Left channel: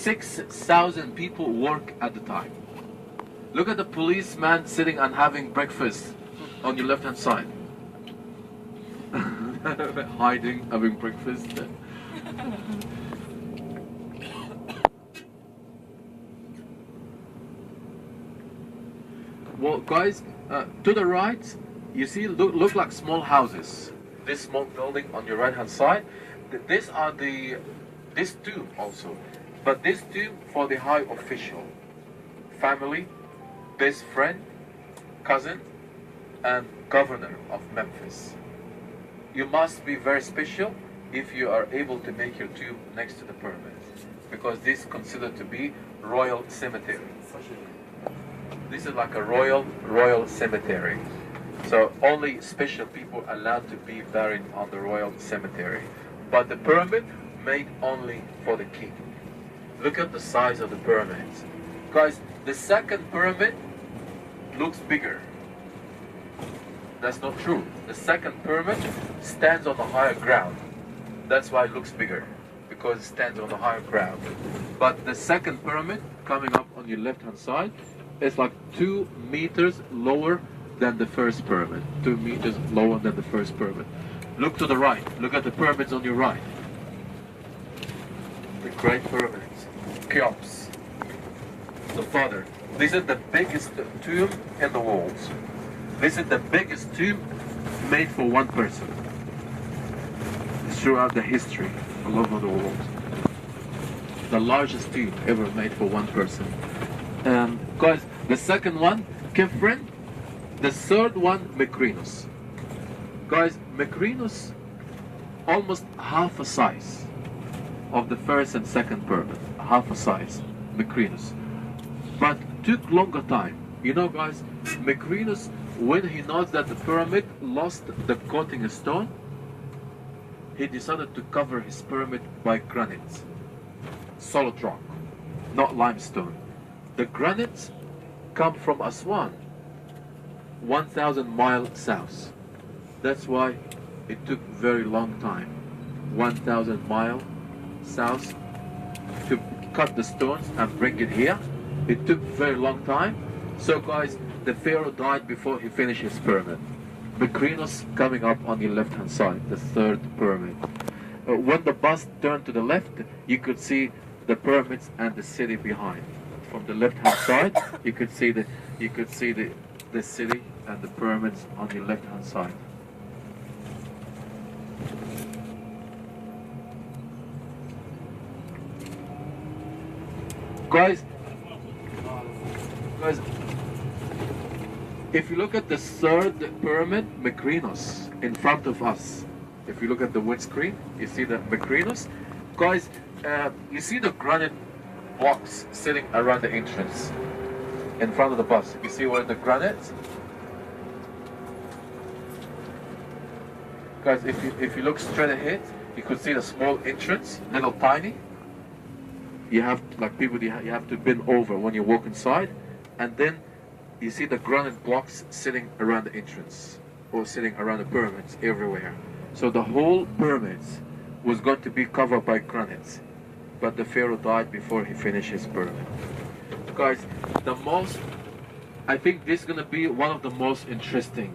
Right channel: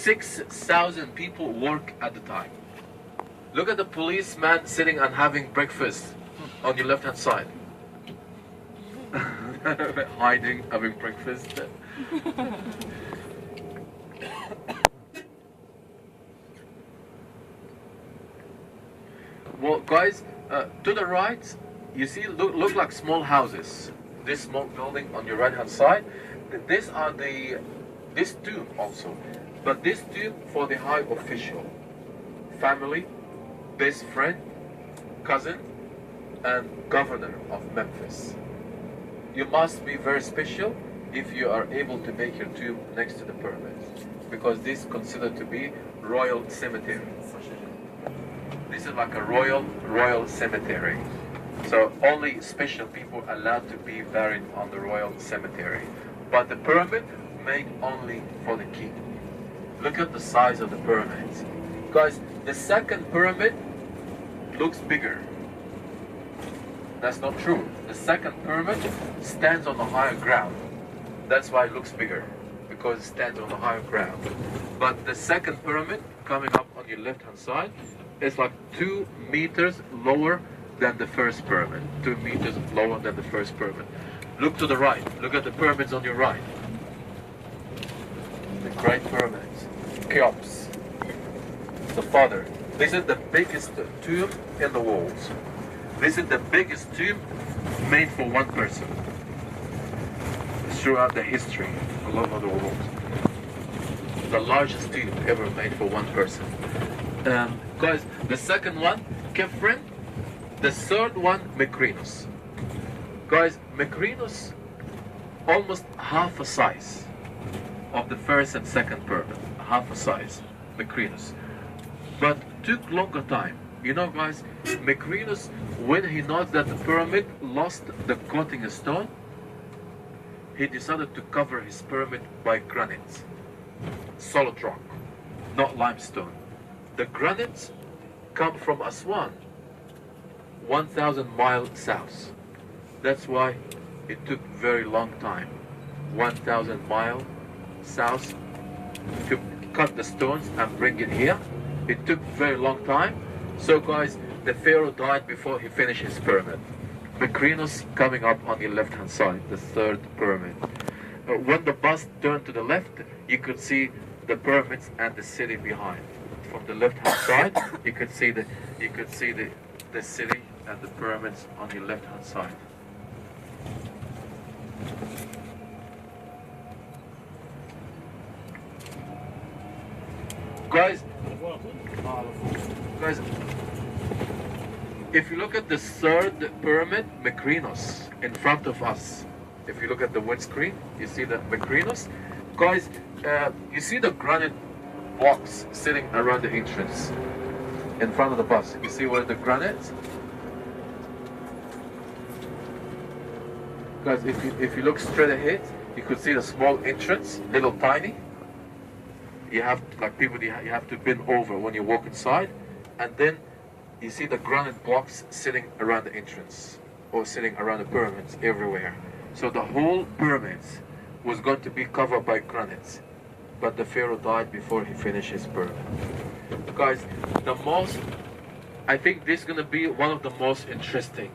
6,000 people work at the time. Look at the policeman sitting and having breakfast on your left hand side. Hiding, having breakfast. Well, guys, to the right, you see, look like small houses. This small building on your right hand side. This tomb also, but this tomb for the high official, family, best friend, cousin, and governor of Memphis. You must be very special if you are able to make your tomb next to the pyramids, because this is considered to be royal cemetery. This is like a royal cemetery. So only special people allowed to be buried on the royal cemetery. But the pyramid made only for the king. Look at the size of the pyramids. Guys, the second pyramid looks bigger. That's not true. The second pyramid stands on the higher ground. That's why it looks bigger, because it stands on the higher ground. But the second pyramid coming up on your left hand side is like 2 meters lower than the first pyramid. 2 meters lower than the first pyramid. Look to the right. Look at the pyramids on your right. The Great Pyramids. Cheops. The Father. This is the biggest tomb in the world. This is the biggest tomb made for one person throughout the history all over the world. The largest tomb ever made for one person. Guys, the second one, Kefren. The third one, Mykrinos. Guys, Mykrinos, almost half a size of the first and second pyramid. Half a size, Mykrinos. But took longer time. You know, guys, Mykrinos, when he noticed that the pyramid lost the coating stone, he decided to cover his pyramid by granite, solid rock, not limestone. The granites come from Aswan, 1,000 miles south. That's why it took very long time, 1,000 miles south, to cut the stones and bring it here. It took very long time. So guys, the pharaoh died before he finished his pyramid. Mykrinos coming up on your left hand side, the third pyramid. When the bus turned to the left, you could see the pyramids and the city behind. From the left hand side, you could see the city and the pyramids on your left hand side. Guys, if you look at the third pyramid, Mykrinos, in front of us, if you look at the windscreen, you see the Mykrinos. Guys, you see the granite blocks sitting around the entrance, in front of the bus. You see where the granite? Guys, if you look straight ahead, you could see the small entrance, little tiny. You have, like people, you have to bend over when you walk inside, and then you see the granite blocks sitting around the entrance, or sitting around the pyramids everywhere. So the whole pyramids was going to be covered by granites, but the pharaoh died before he finished his pyramid. Guys, I think this is gonna be one of the most interesting.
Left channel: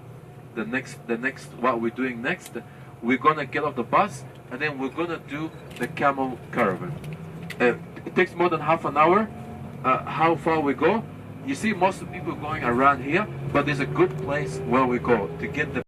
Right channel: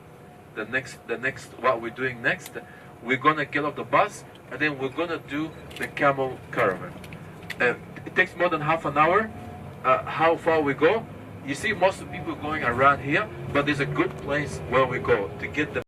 The next, what we're doing next, we're gonna get off the bus, and then we're gonna do the camel caravan. It takes more than half an hour. How far we go? You see most of the people going around here, but there's a good place where we go to get the